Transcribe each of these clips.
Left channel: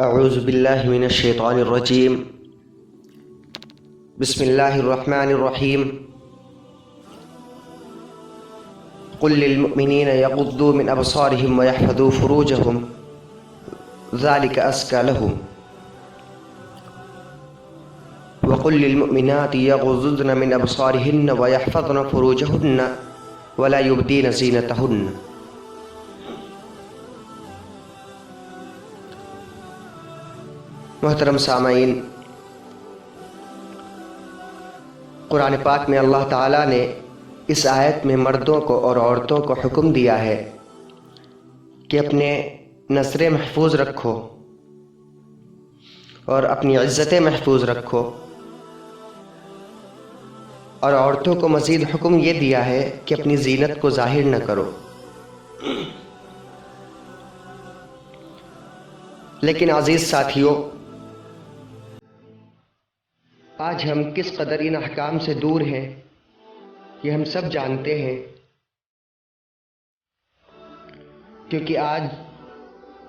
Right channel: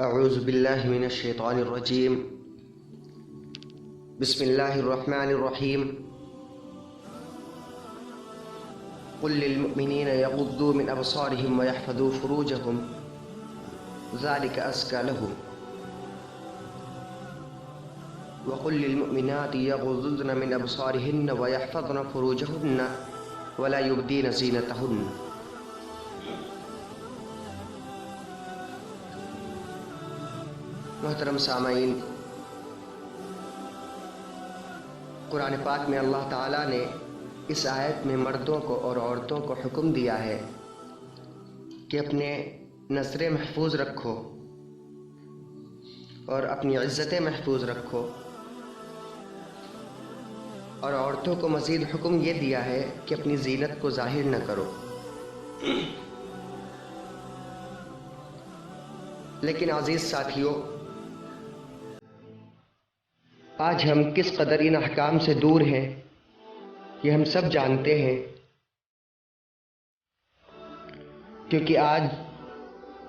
اعوذ باللہ من الشیطان الرجیم بسم اللہ الرحمن الرحیم قل للمؤمنین یغضوا من ابصارهم ویحفظوا فروجهم ذلك ازکی لهم وقل للمؤمنات یغضضن من ابصارهن ویحفظن فروجهن ولا یبدین زینتهن۔ محترم سامعین، قرآن پاک میں اللہ تعالیٰ نے اس آیت میں مردوں کو اور عورتوں کو حکم دیا ہے کہ اپنے نظریں محفوظ رکھو اور اپنی عزتیں محفوظ رکھو، اور عورتوں کو مزید حکم یہ دیا ہے کہ اپنی زینت کو ظاہر نہ کرو۔ لیکن عزیز ساتھیوں، آج ہم کس قدر ان احکام سے دور ہیں یہ ہم سب جانتے ہیں، کیونکہ آج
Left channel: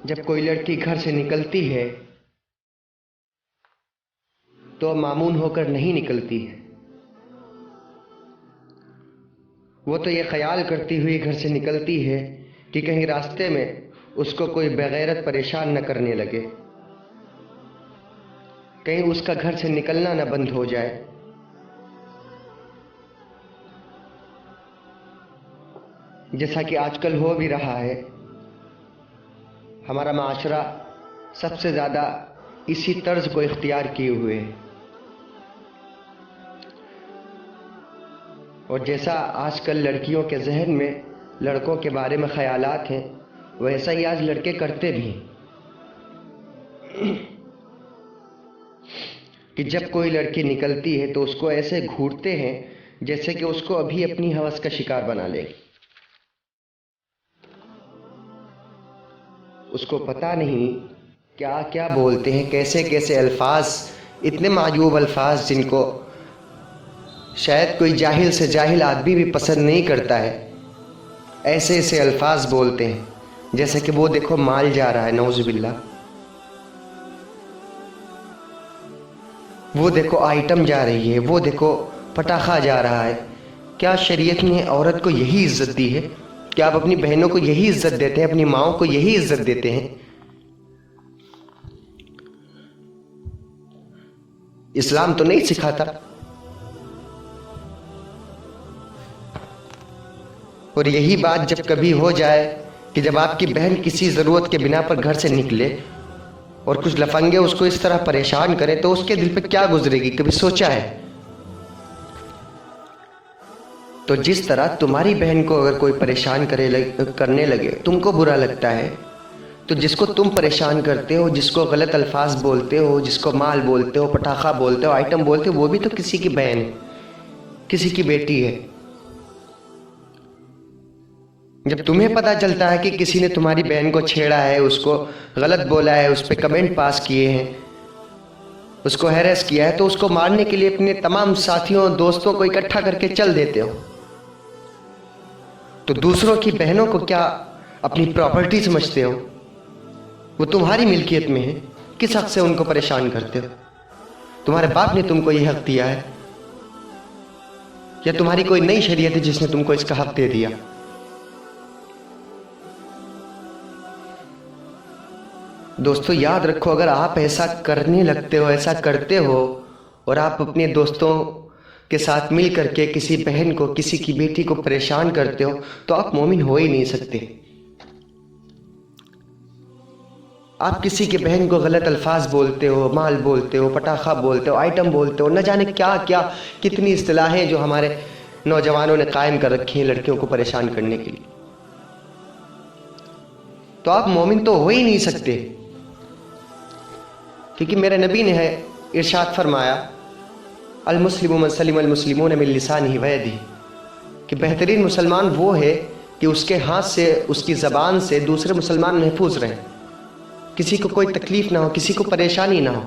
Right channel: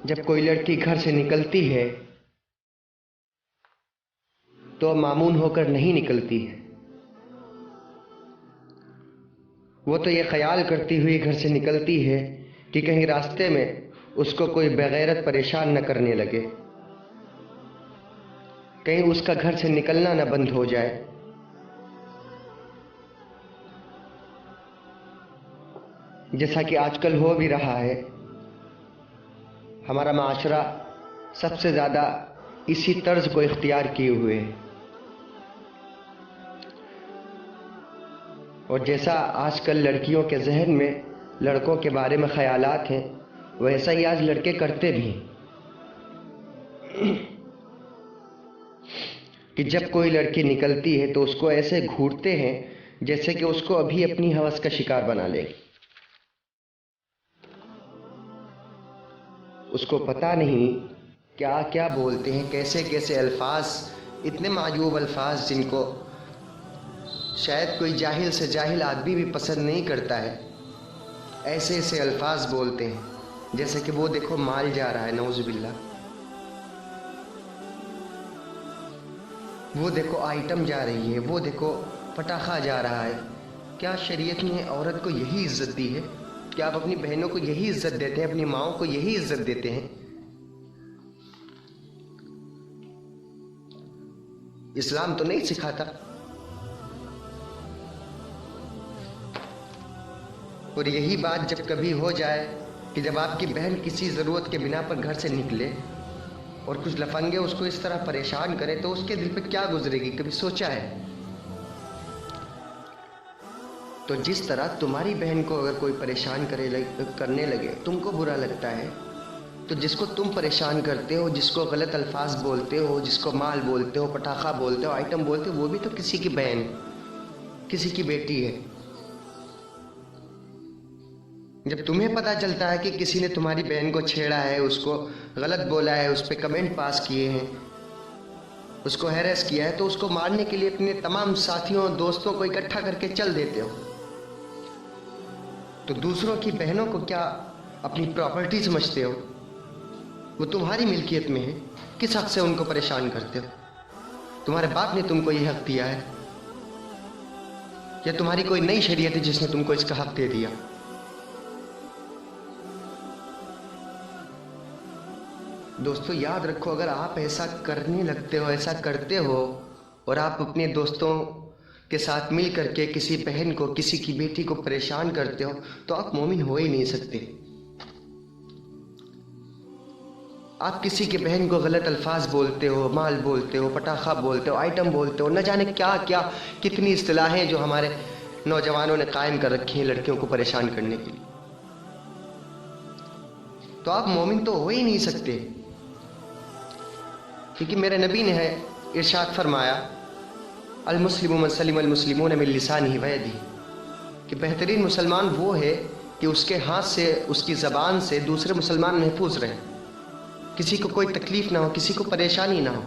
جب کوئی لڑکی گھر سے نکلتی ہے تو مامون ہو کر نہیں نکلتی ہے، وہ تو یہ خیال کرتی ہوئی گھر سے نکلتی ہے کہ کہیں راستے میں اس کو کوئی بغیرت پریشان نہ کرنے لگے، کہیں اس کا گھر سے نکلنا نہ بند ہو جائے۔ جیسا کہ آج کل ہو بھی رہا ہے، ہمارا معاشرہ سب سے زیادہ اسی طرز کو اختیار کیے ہوئے ہے، اور جیسا آج کل لڑکیوں کے ذہن میں لڑکوں کے بارے میں خیالات ہیں، ویسا ہی آج لڑکے کرتے بھی ہیں کہ جب کوئی لڑکی نکلتی ہے تو اس کو ایسے گھورتے ہیں جیسے کہ اس کو ابھی اپنی ہوس کا شکار بنا لے۔ اس کو پتہ نہیں کیا کیا بولتے ہیں، کیسے کیسے الفاظ، اتنے معیوب الفاظ جن کو شاید کوئی جاہل سے جاہل آدمی بھی پسند نہیں کرتا ہے، ایسے ایسے الفاظ بولتے ہیں جیسے کہ وہ دیکھو مال جا رہا ہے، نعوذ باللہ، وہ دیکھو آئٹم جا رہی ہے، وہ دیکھو پٹاخہ جا رہا ہے۔ کیا شریعت نے عورت کو یہی عزت دی ہے؟ کیا آپ اپنی بہنوں کو یہی عزت دیتے ہیں، اپنی ماؤں کو یہی عزت دیتے ہیں؟ اسلام تو نہیں سکھاتا۔ اور یہی بات جب کبھی ہو جائے کہ جب آپ کی بہن کسی ضرورت کے بنا پر گھر سے نکلے اور کچھ لفنگے اس کو اس طرح پریشان کریں تو اس کے دل پہ کیا گزرے گی؟ کبھی سوچا ہے؟ تو جس طرح تمہاری بہن کو اگر کوئی پریشان کرنے لگے تم کو برا لگتا ہے، تو جس کو تم پریشان کرتے ہو، جس کو غلط الفاظ بولتے ہو، جس کو مال بولتے ہو، پٹاخہ بولتے ہو، آئٹم بولتے ہو، وہ بھی تو کسی کی بہن ہے، کسی کی بیٹی ہے۔ جب تمہیں پتہ چلتا ہے کہ کسی نے تمہاری بہن کو چھیڑا ہے، اس کو غلط بولا ہے، اس پہ کمنٹ پاس کیے ہیں، اس کو ہیریس کیا ہے، تو اس کو مارنے کے لیے اپنے تمام ساتھیوں دوستوں کو اکٹھا کر کے چل دیتے ہو۔ تو دوسروں کی بہنوں کو کیا اپنی پراپرٹی سمجھتے ہو؟ وہ تمہاری ملکیت میں ہے، کس حق سے ان کو پریشان کرتے ہو؟ تمہارے باپ نے تم کو یہ حق دیا ہے یا تمہاری کوئی نئی شریعت ہے جس نے تم کو اس کا حق دے دیا؟ دوستو یاد رکھو، اگر آپ ایسا کرنے لگتے ہو، ایسا کرتے ہو، اور آپ اپنے دوستوں کے ساتھ مل کر کے کسی بہن کو، کسی کی بیٹی کو پریشان کرتے ہو، تو آپ مومن ہو ہی نہیں سکتے۔ آپ کسی کی بہن کو غلط الفاظ بولتے ہو، مال بولتے ہو، پٹاخہ بولتے ہو، آئٹم بولتے ہو، نہ جانے کیا کیا کتنی اصطلاحیں جو ہمارے نوجوانوں نے قائم کر رکھی ہیں لڑکیوں کو پریشان کرنے کے لیے، تو آپ مومن تو ہو ہی نہیں سکتے، کیونکہ میرے نبی نے ارشاد فرمایا المسلم من سلم المسلمون من لسانہ ویدہ، کہ بہترین مسلمان وہ ہے کہ اس کے ہاتھ سے، اس کی زبان سے دوسرے مسلمان محفوظ رہیں، کسی کو کوئی تکلیف نہ ہو، کسی کو پریشانی نہ ہو۔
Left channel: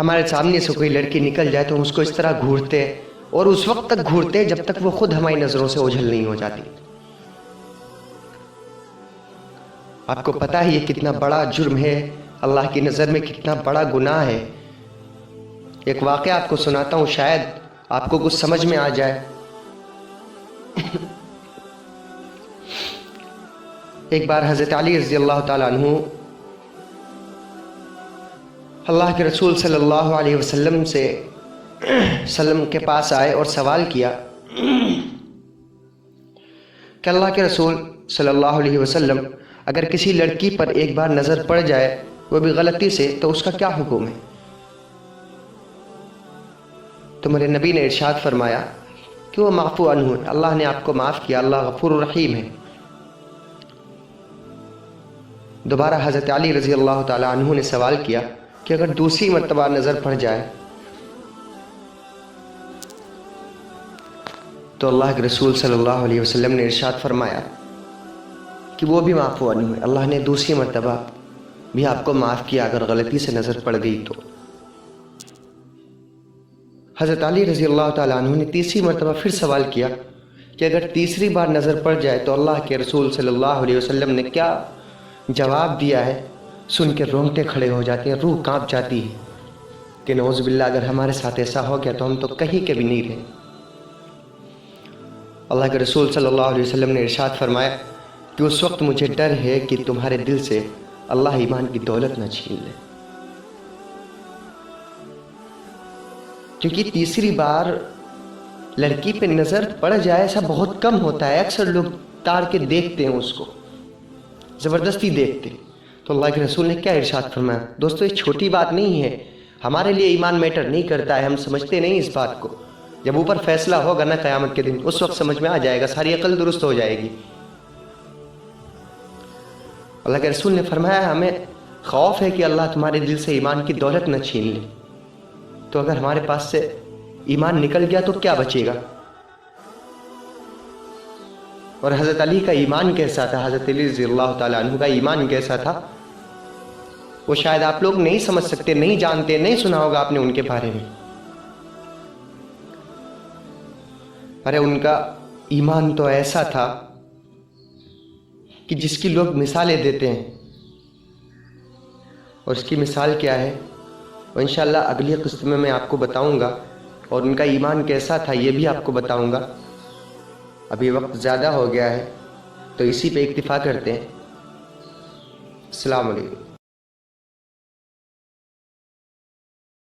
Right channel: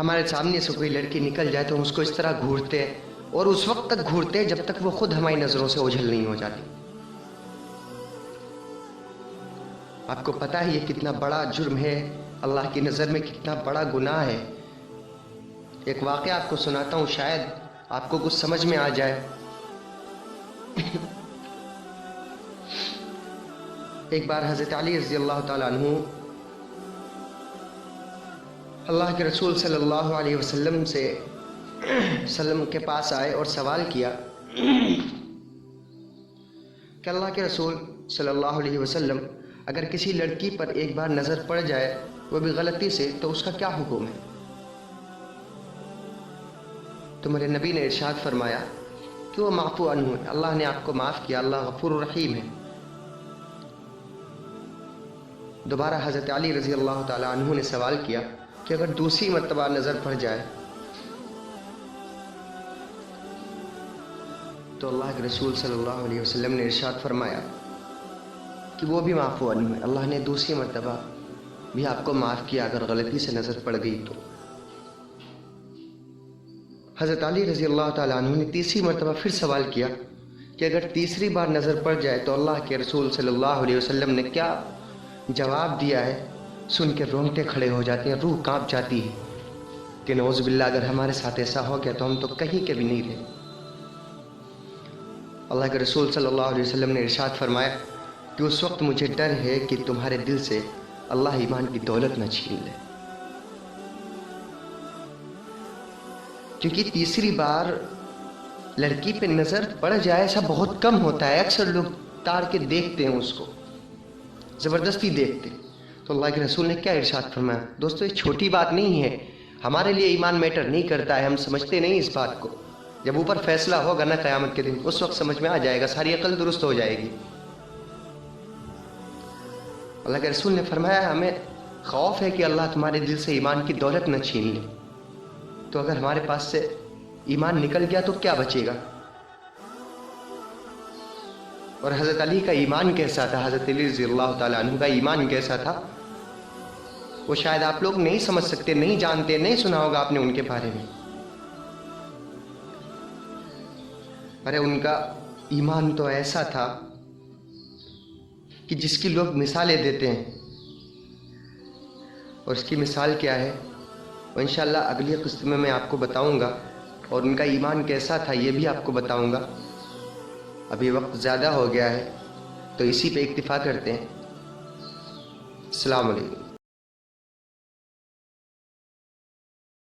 ہمارے سامنے سے کوئی لڑکی نکل جائے تو ہم اس کو اس طرح گھورتے ہیں اور اس وقت تک گھورتے ہیں جب تک وہ خود ہماری نظروں سے اوجھل نہیں ہو جاتی۔ آپ کو پتہ ہے یہ کتنا بڑا جرم ہے، اللہ کی نظر میں کتنا بڑا گناہ ہے۔ ایک واقعہ آپ کو سناتا ہوں، شاید آپ کو کچھ سمجھ میں آ جائے۔ ایک بار حضرت علی رضی اللہ تعالیٰ عنہ اللہ کے رسول صلی اللہ علیہ وسلم کے پاس آئے اور سوال کیا کہ اللہ کے رسول صلی اللہ علیہ وسلم، اگر کسی لڑکی پر ایک بار نظر پڑ جائے وہ بھی غلطی سے، تو اس کا کیا حکم ہے؟ تو میرے نبی نے ارشاد فرمایا کہ وہ معفو عنہ، اللہ نے آپ کو معاف کیا، اللہ غفور الرحیم ہے۔ دوبارہ حضرت علی رضی اللہ تعالیٰ عنہ نے سوال کیا کہ اگر دوسری مرتبہ نظر پڑ جائے تو اللہ کے رسول صلی اللہ علیہ وسلم نے ارشاد فرمایا کہ وہ بھی معفو عنہ، اللہ نے دوسری مرتبہ بھی آپ کو معاف کیا اگر غلطی سے نظر پڑ گئی تو۔ حضرت علی رضی اللہ تعالیٰ عنہ نے تیسری مرتبہ پھر سوال کیا کہ اگر تیسری بار نظر پڑ جائے تو اللہ کے رسول صلی اللہ علیہ وسلم نے کیا جواب دیا ہے؟ سن کے رونگٹے کھڑے ہو جاتے ہیں، روح کانپ جاتی ہے کہ نعوذ باللہ اگر ہمارے ساتھ ایسا ہو گیا تو ہم تو کہیں کے بھی نہیں رہے۔ اللہ کے رسول صلی اللہ علیہ وسلم نے ارشاد فرمایا کہ اس وقت مجھے ڈر ہے کہ تمہارے دل سے اللہ ایمان کی دولت نہ چھین لے، کیونکہ تیسری بار لڑکی پہ نظر پڑ جائے ایسا بہت کم ہوتا ہے، اکثر لوگ تار کے دیکھتے ہیں، اس کو زبردستی دیکھتے ہیں۔ تو اللہ کے رسول نے کیا ارشاد فرمایا؟ دوستو یہ چھوٹی بات نہیں ہے، ہمارے لیے ایمان میٹر نہیں کرتا ہے، ہم سمجھتے نہیں اس بات کو۔ جب اوپر فیصلہ ہوگا نا قیامت کے دن، اس وقت سمجھ میں آ جائے گا، ساری عقل درست ہو جائے گی۔ اللہ کے رسول نے فرمایا ہمیں خوف ہے کہ اللہ تمہارے دل سے ایمان کی دولت نہ چھین لے، تو اگر ہمارے پاس سے ایمان نکل گیا تو کیا بچے گا؟ اور حضرت علی کا ایمان کیسا تھا، حضرت علی رضی اللہ تعالیٰ عنہ کا ایمان کیسا تھا، وہ شاید آپ لوگ نہیں سمجھ سکتے، نہیں جانتے، نہیں سنا ہوگا آپ نے ان کے بارے میں۔ ارے ان کا ایمان تو ایسا تھا کہ جس کی لوگ مثالیں دیتے ہیں، اور اس کی مثال کیا ہے وہ انشاءاللہ اگلی قسط میں آپ کو بتاؤں گا، اور ان کا ایمان کیسا تھا یہ بھی آپ کو بتاؤں گا۔ ابھی وقت زیادہ ہو گیا ہے تو اسی پہ اکتفا کرتے ہیں۔ السلام علیکم۔